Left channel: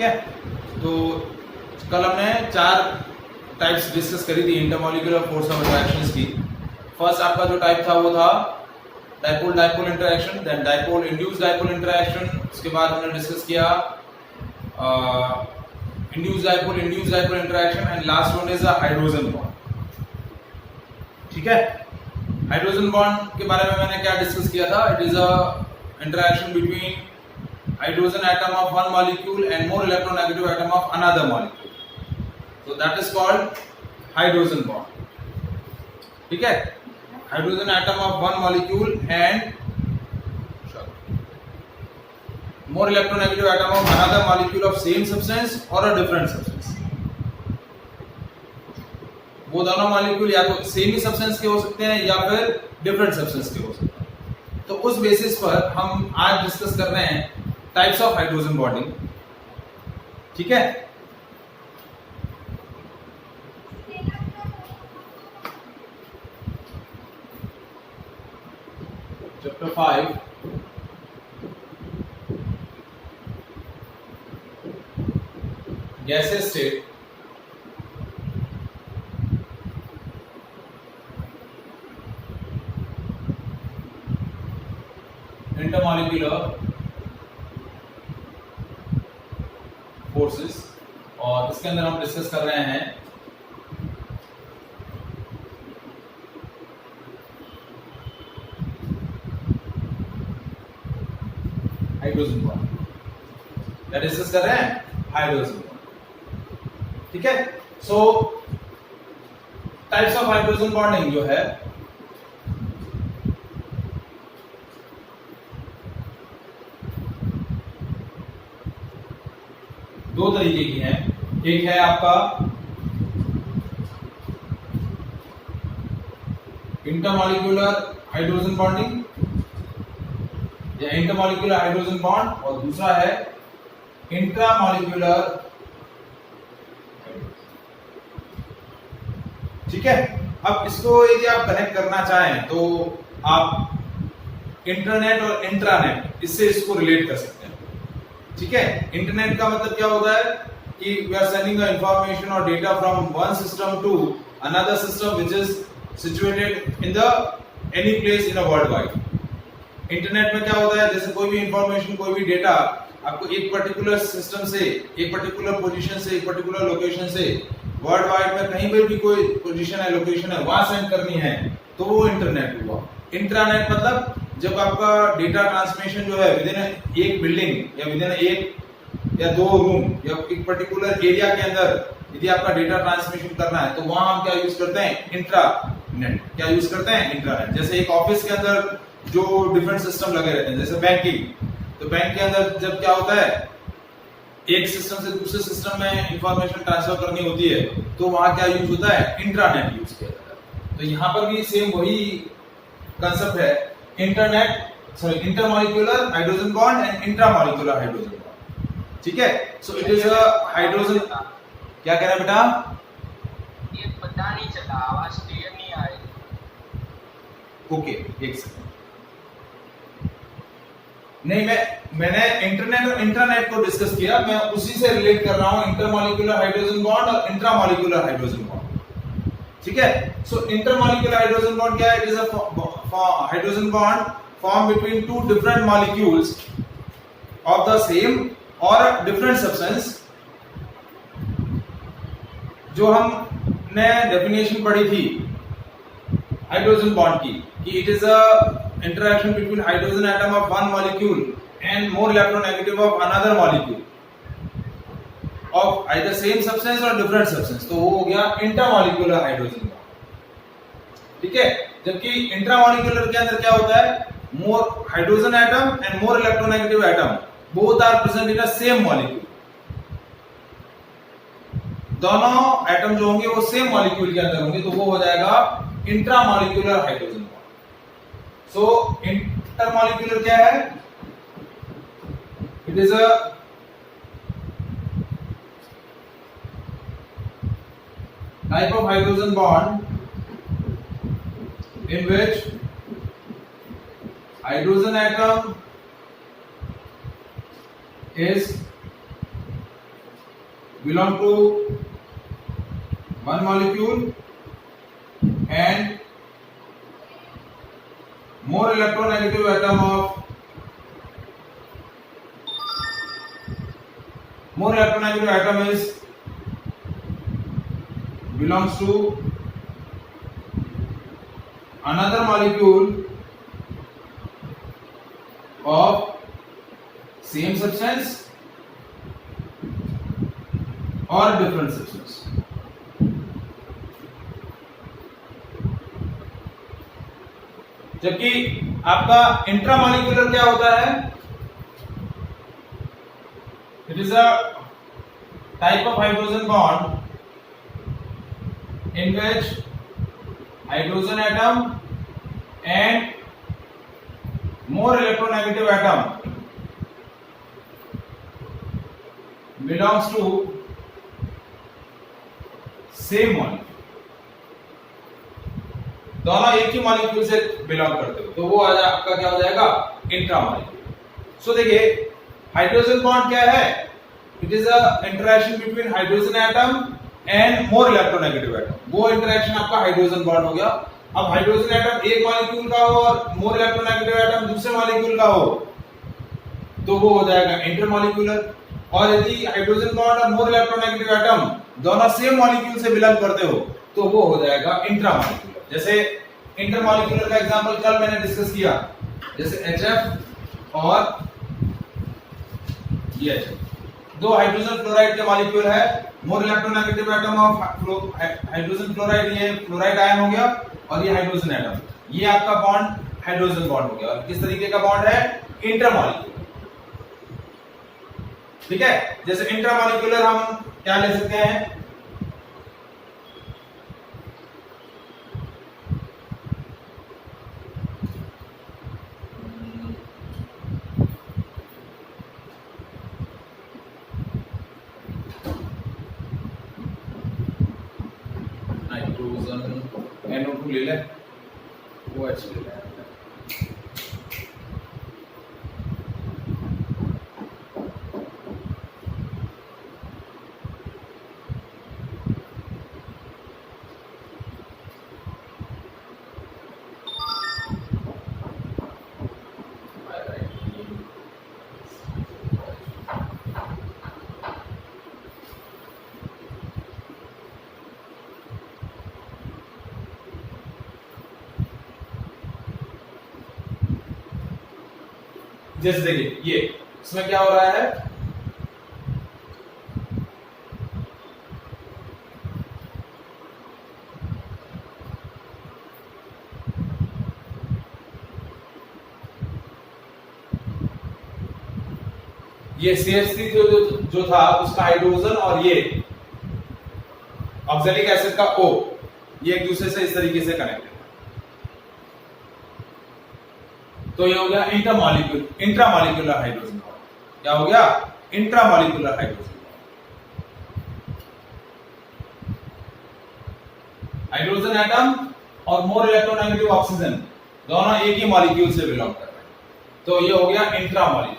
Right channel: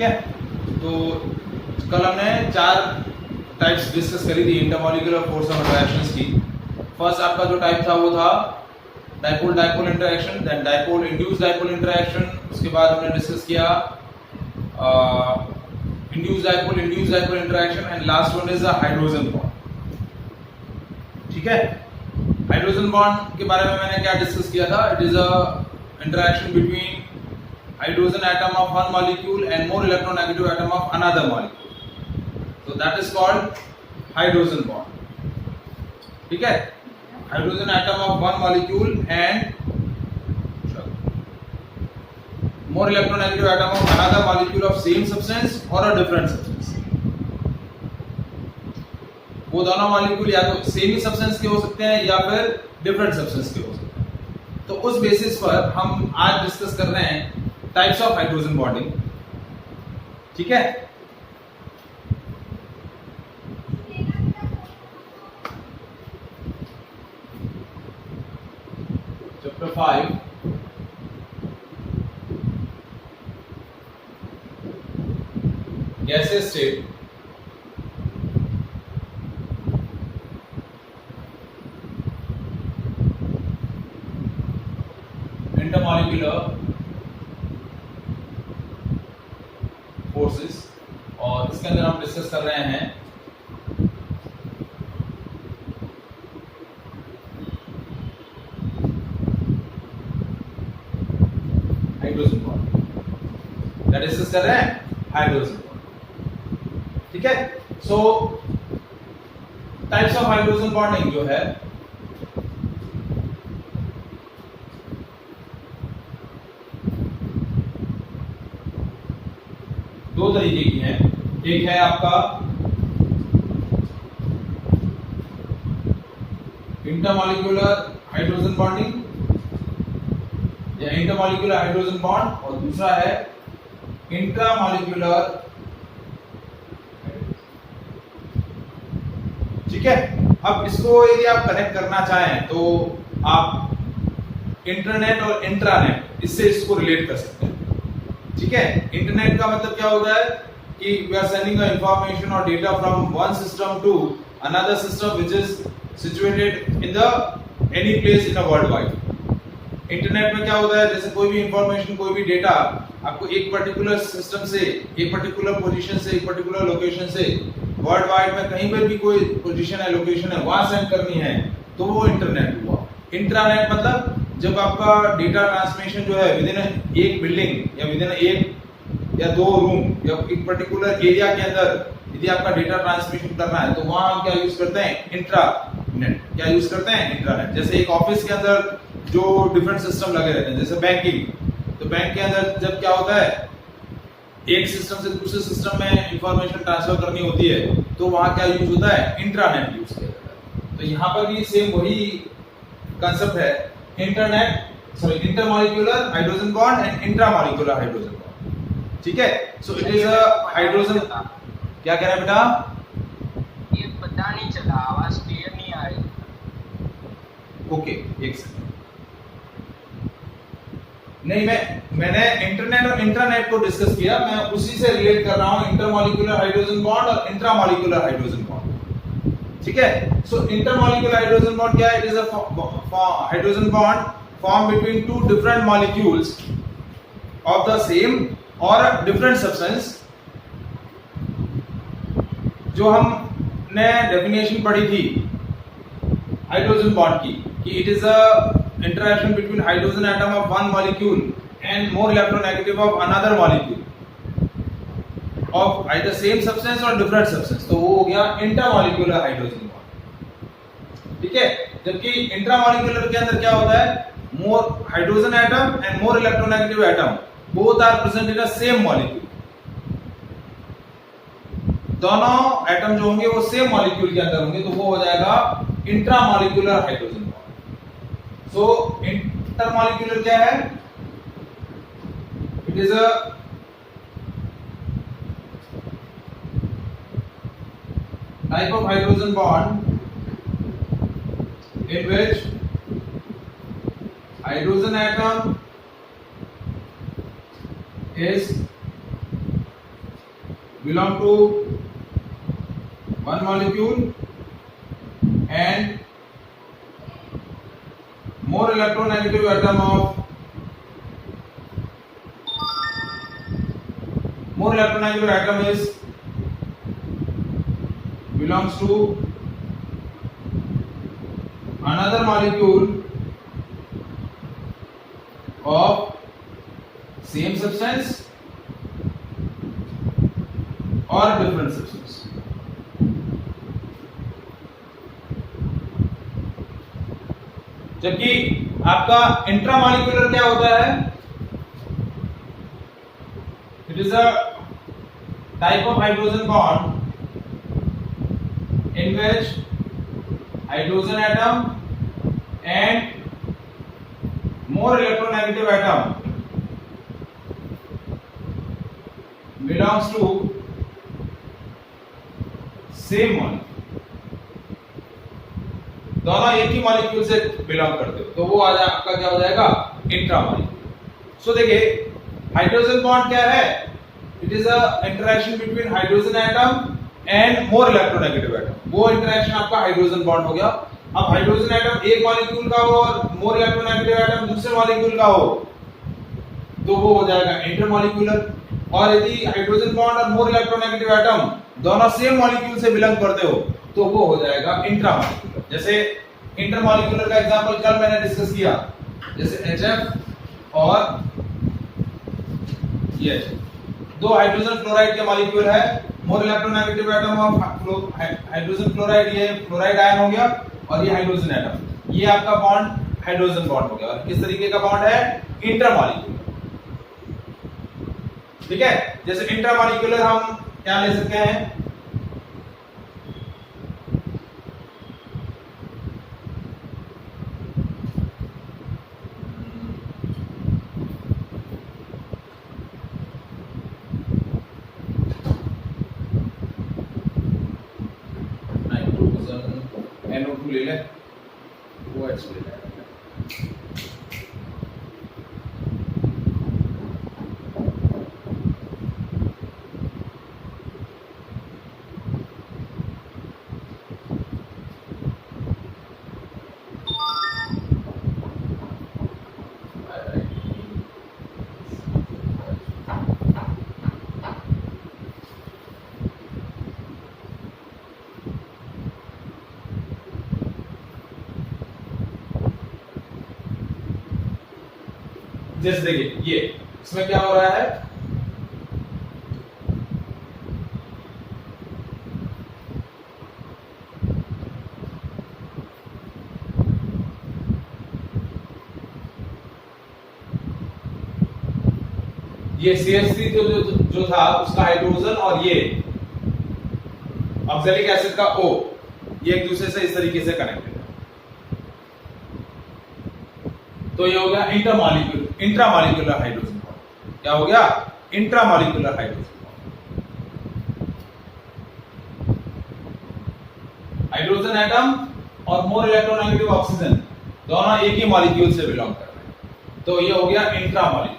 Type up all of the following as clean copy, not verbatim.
ठीक है, तो कल हमने 4 टाइप्स डिस्कस करी थी इंटरमॉलिक्यूलर फोर्स ऑफ इंटरेक्शंस की। फर्स्ट आपका जो टाइप था वो था dipole dipole interaction, then dipole induce dipole interaction, उसके बाद हमने डिस्कस किया induce dipole interaction, and last one is a hydrogen bond. ठीक है, हाइड्रोजन बॉन्ड के बारे में मैंने क्या डिस्कस किया था? It is a interaction between hydrogen atom of one molecule and more electronegative atom of another molecule, so that is called hydrogen bond. ठीक है, hydrogen atom of one molecule and more electronegative atom of another molecule of same substance or a different substance. वो दोनों molecule या तो same ही substance के हो सकते हैं या फिर डिफरेंट सब्सटेंस के हो सकते हैं। तो उस बेसिस पर हम आज डिस्कस कर रहे हैं टाइप्स ऑफ हाइड्रोजन बॉन्डिंग। ठीक है, chapter 5 gases state, intermolecular forces, और इसके अंदर हम डिस्कस कर रहे हैं हाइड्रोजन बॉन्ड। क्या डिस्कस कर रहे हैं? Hydrogen bond. ठीक है, सो टाइप्स ऑफ हाइड्रोजन बॉन्डिंग जो है दो तरीके की है। एक है आपका इंटरमॉलिक्यूलर हाइड्रोजन बॉन्डिंग या इंटरमॉलिक्यूलर हाइड्रोजन बॉन्ड, और दूसरा है इंट्रामॉलिक्यूलर। ठीक है, अब इसको यदि आप कनेक्ट करना चाहें तो आप इंटरनेट और इंट्रानेट इससे इसको रिलेट कर सकते हैं। ठीक है, इंटरनेट का मतलब क्या होता है कि we are sending the information और data from one system to another system which is situated in the any place in a world wide. Internet में क्या होता है, जैसे कोई भी इंफॉर्मेशन, कोई भी डेटा आपको एक पर्टिकुलर सिस्टम से, एक पर्टिकुलर पोजीशन से, एक पर्टिकुलर लोकेशन से वर्ल्ड वाइड में कहीं पर भी कोई पोजीशन है, लोकेशन है, वहां सेंड करनी है, तो वो इंटरनेट हुआ। इंट्रानेट मतलब जब आपका डेटा ट्रांसमिशन जो है विद इन एक बिल्डिंग या विद इन एक या दो रूम या एक पर्टिकुलर एरिया के अंदर यदि आपका डेटा ट्रांसमिशन करना है, तो वहां हम क्या यूज करते हैं? इंट्रानेट। क्या यूज करते हैं? इंट्रानेट। जैसे एक ऑफिस के अंदर जो डिफरेंट सिस्टम लगे रहते हैं, जैसे बैंकिंग, तो बैंक के अंदर जब क्या होता है, एक सिस्टम से दूसरे सिस्टम में इंफॉर्मेशन ट्रांसफर करनी होती है, तो वहां क्या यूज होता है? इंट्रानेट यूज किया जाता है। तो यहाँ पर भी सेम वही कंसेप्ट है, intermolecular hydrogen bond and intramolecular hydrogen bond. ठीक है, so it is a hydrogen. क्या कह रहे हैं बेटा? ये पता नहीं चला, आवाज क्लियर नहीं आ रही। ओके, एक सेकंड। नहीं, मैंने इंटरनेट और इंट्रानेट को डिस्कस किया, मैं उसी से रिलेट कर रहा हूं इंटरमॉलिक्यूलर हाइड्रोजन बॉन्ड और इंट्रामॉलिक्यूलर हाइड्रोजन बॉन्ड। ठीक है, सो इंटरमॉलिक्यूलर हाइड्रोजन बॉन्ड क्या है? It is a hydrogen bond formed between two different molecules of the same or a different substance। जो हमने डेफिनेशन पढ़ी थी हाइड्रोजन बॉन्ड की, कि it is a interaction between hydrogen atom of one molecule and more electronegative of another molecule of either same substance और different substance, तो वो हो गया इंटरमॉलिक्यूलर हाइड्रोजन बॉन्ड। ठीक है, जबकि इंट्रामॉलिक्यूलर के अंदर क्या होता है? more hydrogen atom and more electronegative atom both are present in the same molecule। दोनों एटम जो होंगे वो सेम मॉलिक्यूल के अंदर होंगे, तो वो हो जाएगा इंट्रामॉलिक्यूलर हाइड्रोजन बॉन्ड। सो इंटरमॉलिक्यूलर क्या है? It is a type of hydrogen bond in which hydrogen atom is belong to one molecule and more electronegative atom is belongs to another molecule of same substance or different substance. जबकि आपका intramolecular क्या होता है? It is a type of hydrogen bond in which hydrogen atom and more electronegative atom belongs to same molecule, दोनों एक ही molecule से belong करते हो, तो वो आपका क्या हो जाएगा? इंट्रामॉलिक्यूलर। सो देखिए हाइड्रोजन बॉन्ड क्या है? It is a interaction between hydrogen atom and more electronegative atom. वो इंटरेक्शन आपका हाइड्रोजन बॉन्ड हो गया। अब हाइड्रोजन एटम एक मॉलिक्यूल का हो और मोर इलेक्ट्रोनेगेटिव एटम दूसरे मॉलिक्यूल का हो, तो वो हो जाएगा इंटरमॉलिक्यूलर। और यदि हाइड्रोजन बॉन्ड और मोर इलेक्ट्रोनेगेटिव एटम दोनों सेम मॉलिक्यूल से बिलोंग करते हो, तो वो हो जाएगा इंट्रामॉलिक्यूलर। जैसे इंटरमॉलिक्यूलर का एग्जांपल कल मैंने डिस्कस किया, जैसे HF और ये दो हाइड्रोजन फ्लोराइड के मॉलिक्यूल है, more electronegative atom of hydrogen fluoride, ये फ्लोराइड आयन हो गया, और ये हाइड्रोजन एटम, ये आपका बॉन्ड हाइड्रोजन बॉन्ड हो गया। और किस तरीके का बॉन्ड है? इंटरमॉलिक्यूलर। ठीक है, जैसे इंट्रामॉलिक्यूलर हम क्या ले सकते हैं? NO2 ले ले, OH ले ले। जैसे देखिए ये इसमें क्या हो रहा है? ये CH3 जो था उसका हाइड्रोजन और ये ऑक्सैलिक एसिड का O, ये एक दूसरे से इस तरीके से कनेक्टेड है। तो ये हो गया इंट्रामॉलिक्यूलर हाइड्रोजन बॉन्ड। क्या हो गया? Intramolecular hydrogen bond. Hydrogen atom और मोर इलेक्ट्रोनेगेटिव ऑक्सीजन दोनों एक ही मॉलिक्यूल से बिलोंग कर रहे हैं, तो ये हो गया इंट्रामॉलिक्यूलर।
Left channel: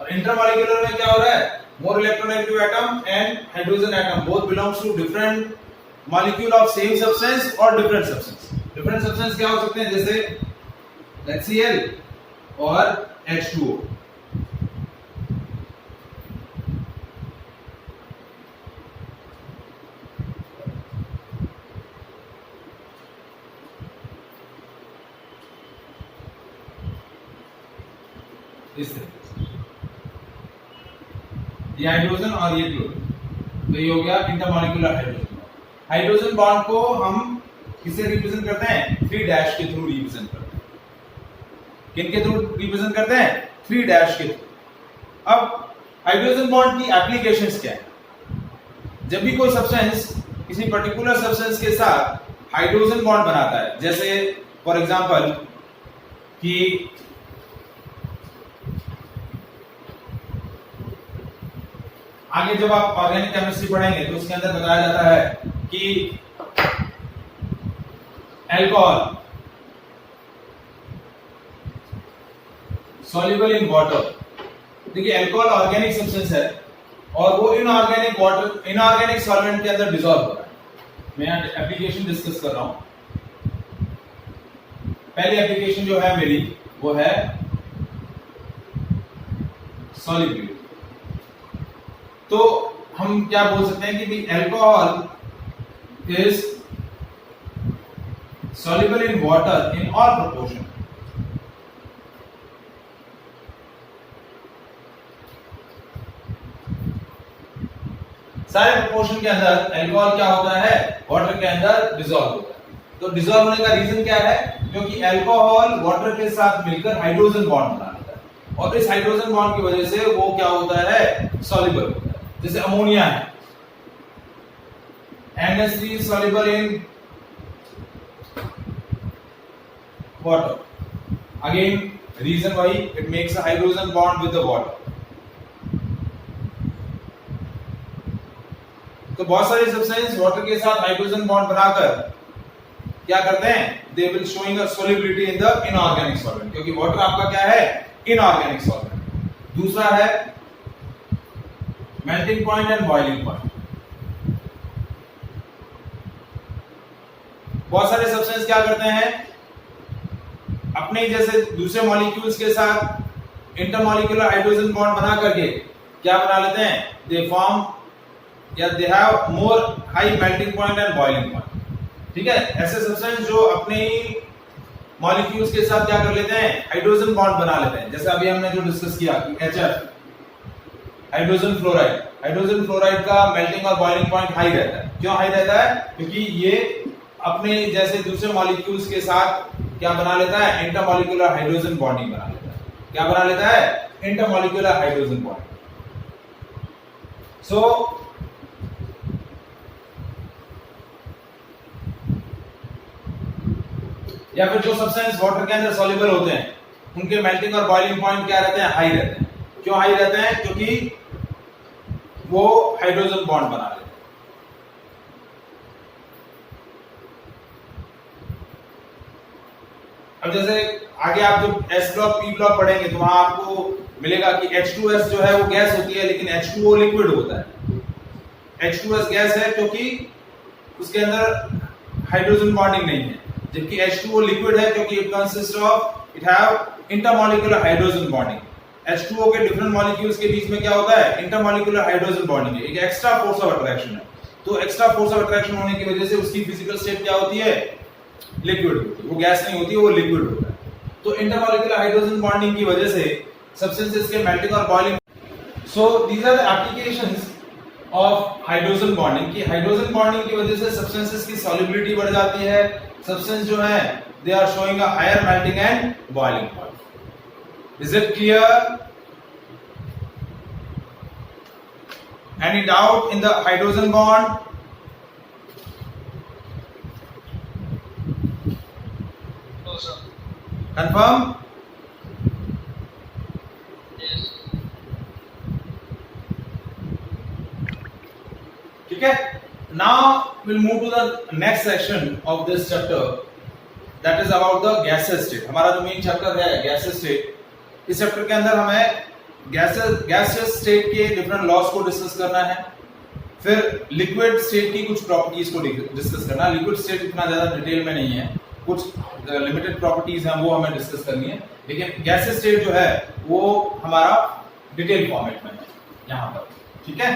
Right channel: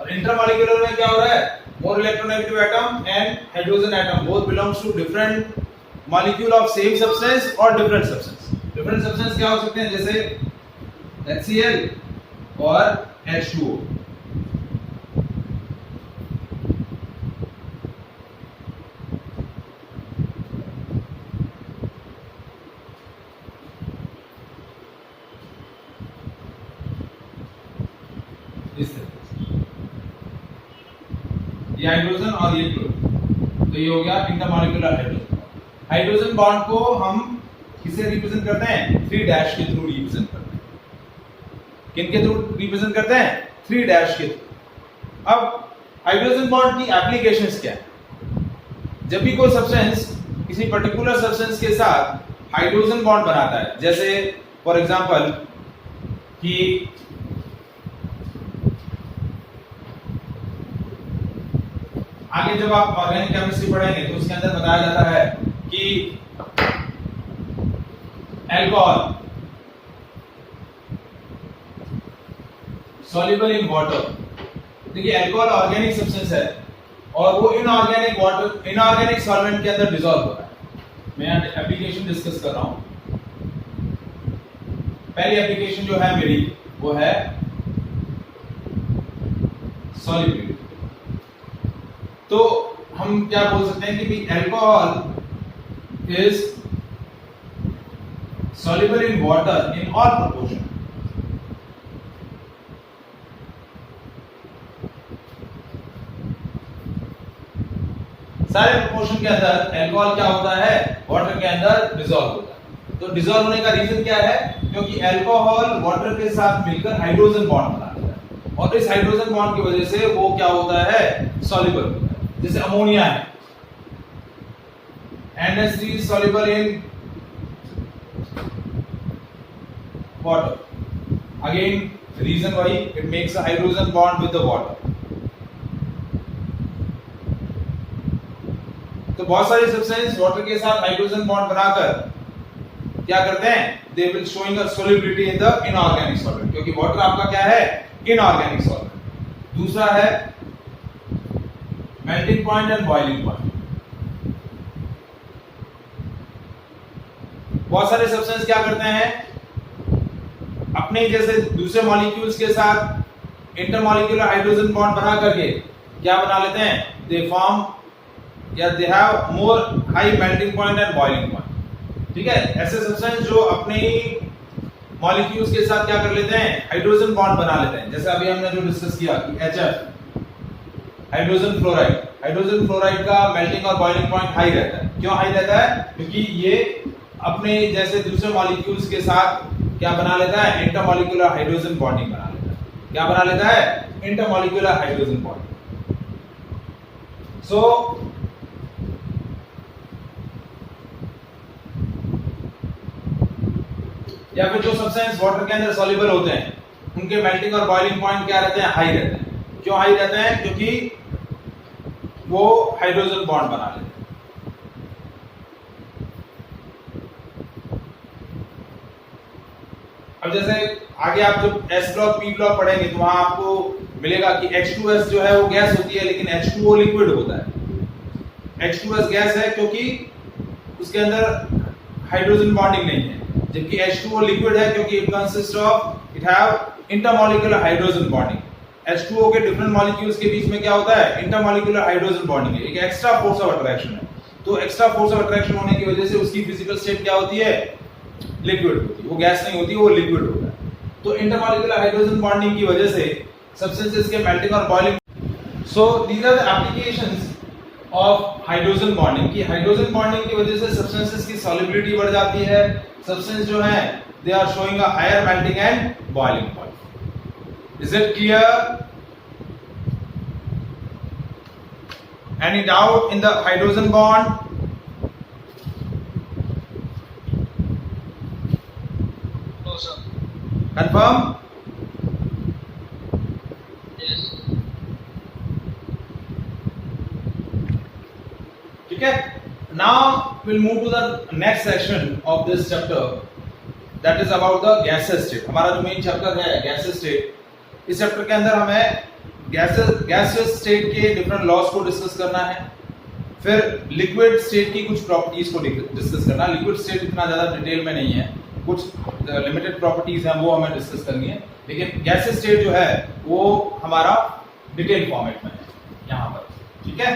और इंट्रामॉलिक्यूलर में क्या हो रहा है? More electronegative atom and hydrogen atom both belongs to different molecule of same substance और डिफरेंट सब्सटेंस। डिफरेंट सब्सटेंस क्या हो सकते हैं? जैसे HCl और H2O। इस तरह ये हाइड्रोजन और ये क्लोरीन, तो ये हो गया इंटरमॉलिक्यूलर हाइड्रोजन। हाइड्रोजन बॉन्ड को हम किससे रिप्रेजेंट करते हैं? 3 डैश के थ्रू रिप्रेजेंट करते हैं। किनके थ्रू रिप्रेजेंट करते हैं? 3 डैश के थ्रू। अब हाइड्रोजन बॉन्ड की एप्लीकेशंस क्या है? जब भी कोई सब्सटेंस किसी पर्टिकुलर सब्सटेंस के साथ हाइड्रोजन बॉन्ड बनाता है, जैसे फॉर एग्जांपल कि आगे जब आप ऑर्गेनिक केमिस्ट्री पढ़ेंगे तो उसके अंदर बताया जाता है कि अल्कोहल सॉल्युबल इन वाटर। देखिए अल्कोहल ऑर्गेनिक सब्सटेंस है, और वो इनऑर्गेनिक वाटर, इनऑर्गेनिक सॉल्वेंट के अंदर डिसॉल्व हो रहा है। मैं यहाँ एप्लीकेशन डिस्कस कर रहा हूं। पहली एप्लीकेशन जो है मेरी वो है सॉल्युबिलिटी। तो हम क्या बोल सकते हैं कि alcohol is soluble in water in all proportion। सारे प्रोपोर्शन के अंदर अल्कोहल क्या होता है, वाटर के अंदर डिसॉल्व होता है। तो डिसॉल्व होने का रीजन क्या है, क्योंकि अल्कोहल वाटर के साथ मिलकर हाइड्रोजन बॉन्ड बना लेता है और इस हाइड्रोजन बॉन्ड की वजह से वो क्या होता है, सॉल्युबल होता है। जैसे अमोनिया है, NH3 is soluble in water, again reason why it makes a hydrogen bond with the water। तो बहुत सारे सब्सटेंस वाटर के साथ हाइड्रोजन बॉन्ड बनाकर क्या करते हैं, they will showing a solubility in the inorganic solvent, क्योंकि वाटर आपका क्या है, इनऑर्गेनिक सॉल्वेंट। दूसरा है melting point and boiling point. बहुत सारे सब्सटेंस क्या करते हैं, अपने जैसे दूसरे मॉलिक्यूल्स के साथ इंटरमॉलिक्यूलर हाइड्रोजन बॉन्ड बना करके क्या बना लेते हैं, दे फॉर्म या they have more high melting point and boiling point. ठीक है, ऐसे सब्सटेंस जो अपने ही मॉलिक्यूल्स के साथ क्या कर लेते हैं, हाइड्रोजन बॉन्ड बना लेते हैं। जैसे अभी हमने जो डिस्कस किया कि HF hydrogen fluoride, hydrogen fluoride का मेल्टिंग और बॉइलिंग पॉइंट हाई रहता है। क्यों हाई रहता है, क्योंकि ये अपने जैसे दूसरे मॉलिक्यूल्स के साथ क्या बना लेता है, इंटरमॉलिक्यूलर हाइड्रोजन बॉन्डिंग बना लेता है। क्या बना लेता है, इंटरमॉलिक्यूलर हाइड्रोजन बॉन्ड। सो या फिर जो सब्सटेंस वाटर के अंदर सॉल्युबल होते हैं उनके मेल्टिंग और बॉइलिंग पॉइंट क्या रहते हैं, हाई रहते हैं। क्यों हाई रहते हैं, क्योंकि वो हाइड्रोजन बॉन्ड बना लेते हैं। अब जैसे आगे आप जब S ब्लॉक P ब्लॉक पढ़ेंगे तो वहां आपको मिलेगा कि H2S जो है वो गैस होती है, लेकिन H2O लिक्विड होता है। H2S गैस है क्योंकि उसके अंदर हाइड्रोजन बॉन्डिंग नहीं है, जबकि H2O लिक्विड है क्योंकि it consist of, it have intermolecular hydrogen bonding. H2O के डिफरेंट मॉलिक्यूल्स के बीच में क्या होता है, इंटरमॉलिक्यूलर हाइड्रोजन बॉन्डिंग है, एक एक्स्ट्रा फोर्स ऑफ अट्रैक्शन है। तो एक्स्ट्रा फोर्स ऑफ अट्रैक्शन होने की वजह से उसकी फिजिकल स्टेट क्या होती है, लिक्विड, वो गैस नहीं होती, वो लिक्विड होता है। तो इंटरमॉलिक्यूलर हाइड्रोजन बॉन्डिंग की वजह से सब्सटेंसेस के मेल्टिंग और boiling. So these are the applications of hydrogen bonding, कि हाइड्रोजन बॉन्डिंग की वजह से सब्सटेंसेस की सॉल्युबिलिटी बढ़ जाती है। सब्सटेंस जो है they are showing a higher melting and boiling point. Is it clear? Any doubt in the hydrogen bond? No, sir. Confirm? Yes. ठीक है, now we'll move to the next section of this chapter, that is about the gaseous state। हमारा जो main chapter है gaseous state, इस chapter के अंदर हमें gaseous state के डिफरेंट लॉस को डिस्कस करना है, फिर लिक्विड स्टेट की कुछ प्रॉपर्टीज को डिस्कस करना है। लिक्विड स्टेट इतना ज्यादा डिटेल में नहीं है, कुछ लिमिटेड प्रॉपर्टीज हैं वो हमें डिस्कस करनी है, लेकिन गैसियस स्टेट जो है वो हमारा डिटेल फॉर्मेट में है यहाँ पर। ठीक है।